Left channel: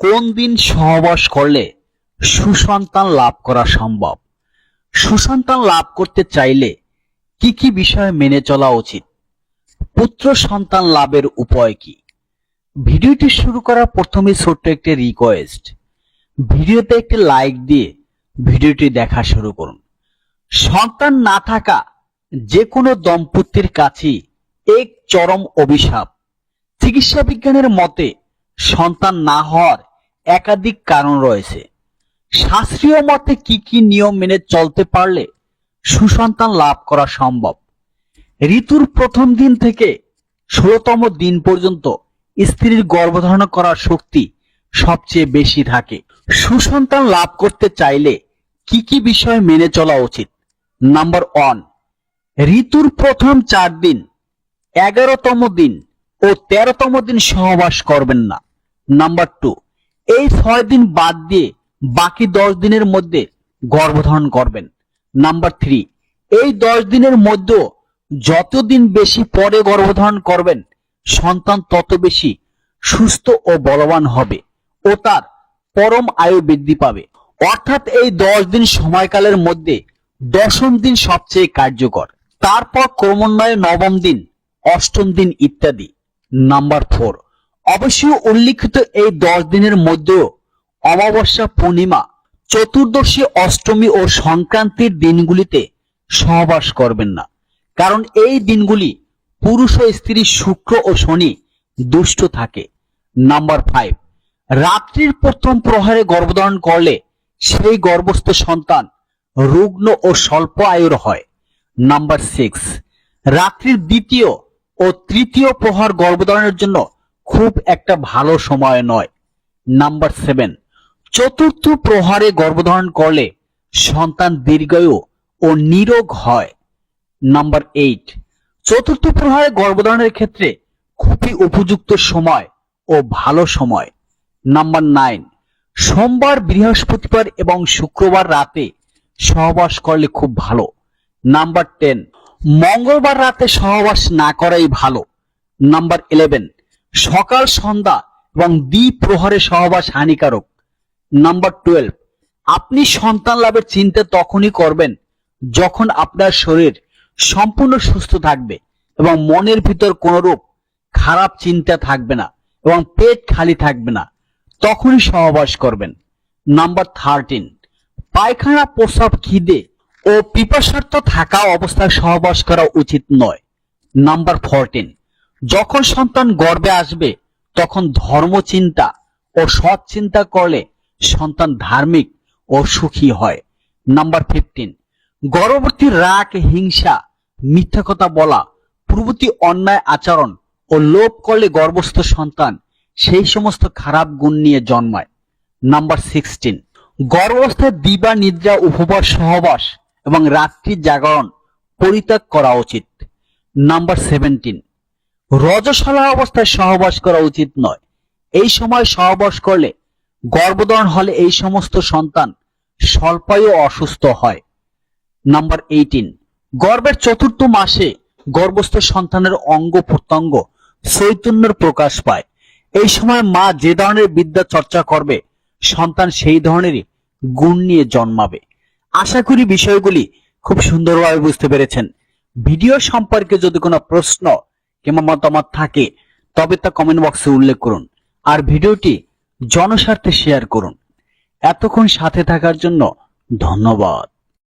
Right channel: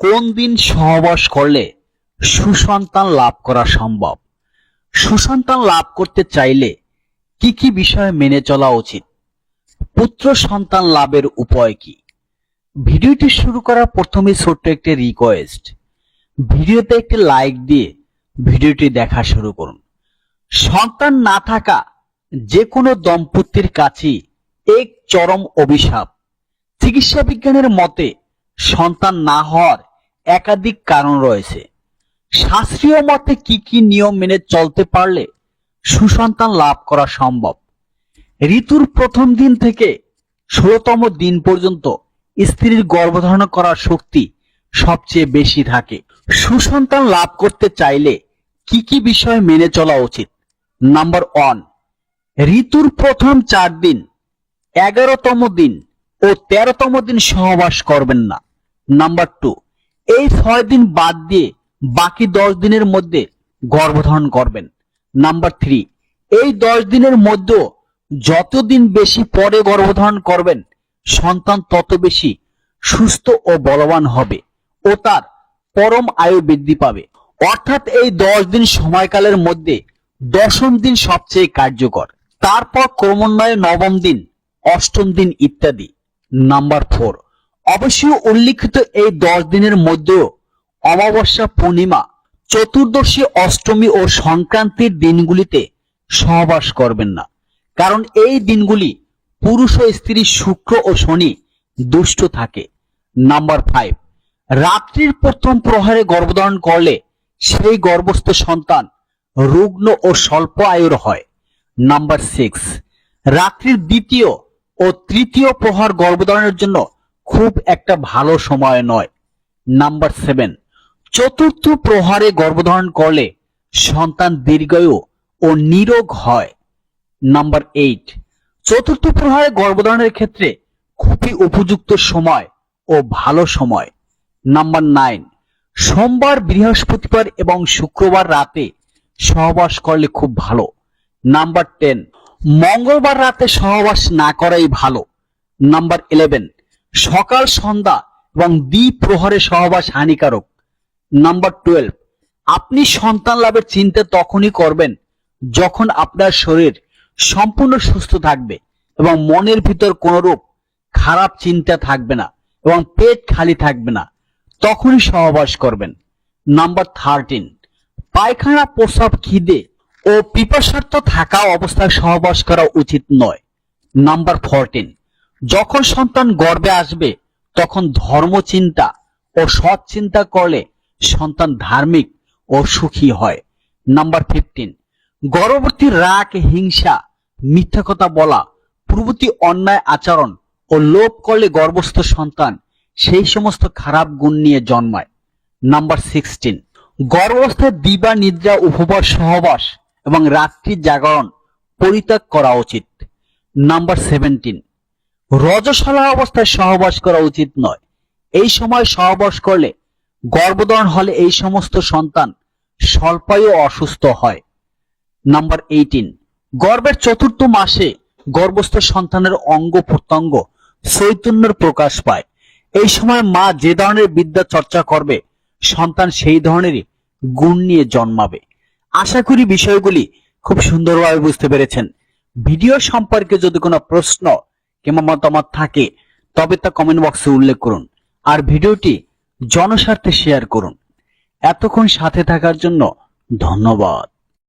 কোন দিন সহবাস করলে সুসন্তান লাভ করা সম্ভব? সুসন্তান লাভ করতে চাইলে কি কি বিষয় মেনে চলা উচিত? পুত্র সন্তান লাভের উপায় কি? ভিডিওটি শুরু করার প্রথমে ছোট্ট একটি রিকোয়েস্ট, ভিডিওতে একটি লাইক দিয়ে ভিডিওটি দেখা শুরু করুন। সন্তান না থাকা যে কোনো দম্পতির কাছেই এক চরম অভিশাপ। চিকিৎসা বিজ্ঞানের মতে সন্তান না হওয়ার একাধিক কারণ রয়েছে। শাস্ত্রীয় মতে কি কি নিয়ম মেনে চলতে পারলে সুসন্তান লাভ করা সম্ভব? ঋতুর প্রথম দিন থেকে 16তম দিন পর্যন্ত স্ত্রীর গর্ভধারণ করার শক্তি সবচেয়ে বেশি থাকে। সুসন্তান লাভ করতে চাইলে কি কি বিষয় মেনে চলা উচিত? নাম্বার 1, ঋতুর প্রথম 4 দিন, 11তম দিন ও 13তম দিন সহবাস করবেন না। নাম্বার 2, এই 6 দিন বাদ দিয়ে বাকি 10 দিনের মধ্যে গর্ভধারণ করবেন। নাম্বার 3, এই 10 দিনের মধ্যে যতদিন বেশি পরে গর্ভধারণ করবেন সন্তান তত বেশি সুস্থ ও বলবান হবে ও তার পরম আয়ু বৃদ্ধি পাবে। অর্থাৎ এই 10 দিন সময়কালের মধ্যে 10ম দিন সবচেয়ে কার্যকর, তারপর ক্রমান্বয়ে 9ম দিন, 8ম দিন ইত্যাদি। নাম্বার 4, অবশ্যই উল্লিখিত এই 10 দিনের মধ্যেও অমাবস্যা, পূর্ণিমা, চতুর্দশী, অষ্টমী ও সংক্রান্তির দিনগুলিতে সহবাস করবেন না, কারণ এই দিনগুলি পুরুষ ও স্ত্রী শুক্র ও শনি দুষ্ট থাকে। নাম্বার 5, রাত্রির প্রথম প্রহরে গর্ভধারণ করলে সেই গর্ভস্থ সন্তান রুগ্ন ও স্বল্প আয়ুর হয়। নাম্বার 6, রাত্রির দ্বিতীয় ও তৃতীয় প্রহর গর্ভধারণের জন্য খুব একটা ভালো সময় নয়। নাম্বার 7, চতুর্থ প্রহরে গর্ভধারণ করলে সন্তান দীর্ঘায়ু ও নিরোগ হয়। নাম্বার 8, চতুর্থ প্রহরে গর্ভধারণের ক্ষেত্রে খুবই উপযুক্ত সময় ও ভালো সময়। নাম্বার 9, সোমবার, বৃহস্পতিবার এবং শুক্রবার রাতে সহবাস করলে খুব ভালো। নাম্বার 10, মঙ্গলবার রাতে সহবাস না করাই ভালো। নাম্বার 11, সকাল, সন্ধ্যা এবং দ্বিপ্রহরে সহবাস হানিকারক। নাম্বার 12, আপনি সন্তান লাভের চিন্তা তখনই করবেন যখন আপনার শরীর সম্পূর্ণ সুস্থ থাকবে এবং মনের ভিতর কোনো রূপ খারাপ চিন্তা থাকবে না এবং পেট খালি থাকবে না, তখনই সহবাস করবেন। নাম্বার 13, পায়খানা, প্রস্রাব, খিদে ও পিপাসার্থ থাকা অবস্থায় সহবাস করা উচিত নয়। নাম্বার 14, যখন সন্তান গর্ভে আসবে তখন ধর্ম চিন্তা ও সৎ চিন্তা করলে সন্তান ধার্মিক ও সুখী হয়। নাম্বার 15, গর্ভবতী রাগ, হিংসা, মিথ্যা কথা বলা প্রভৃতি অন্যায় আচরণ ও লোভ করলে গর্ভস্থ সন্তান সেই সমস্ত খারাপ গুণ নিয়ে জন্মায়। নাম্বার 16, গর্ভস্থ দিবা নিদ্রা, উপবাস, সহবাস এবং রাত্রি জাগরণ পরিত্যাগ করা উচিত। নাম্বার 17, রজস্বলা অবস্থায় সহবাস করা উচিত নয়। এই সময় সহবাস করলে গর্ভধারণ হলে এই সমস্ত সন্তান স্বল্পায়ু অসুস্থ হয়। নাম্বার 18, গর্ভের 4র্থ মাসে গর্ভস্থ সন্তানের অঙ্গ প্রত্যঙ্গ চৈতন্যের প্রকাশ পায়। এই সময় মা যে ধরনের বিদ্যা চর্চা করবে সন্তান সেই ধরনেরই গুণ নিয়ে জন্মাবে। আশা করি বিষয়গুলি খুব সুন্দরভাবে বুঝতে পেরেছেন। ভিডিও সম্পর্কে যদি কোনো প্রশ্ন কিংবা মতামত থাকে তবে তা কমেন্ট বক্সে উল্লেখ করুন আর ভিডিওটি জনস্বার্থে শেয়ার করুন। এতক্ষণ সাথে থাকার জন্য ধন্যবাদ।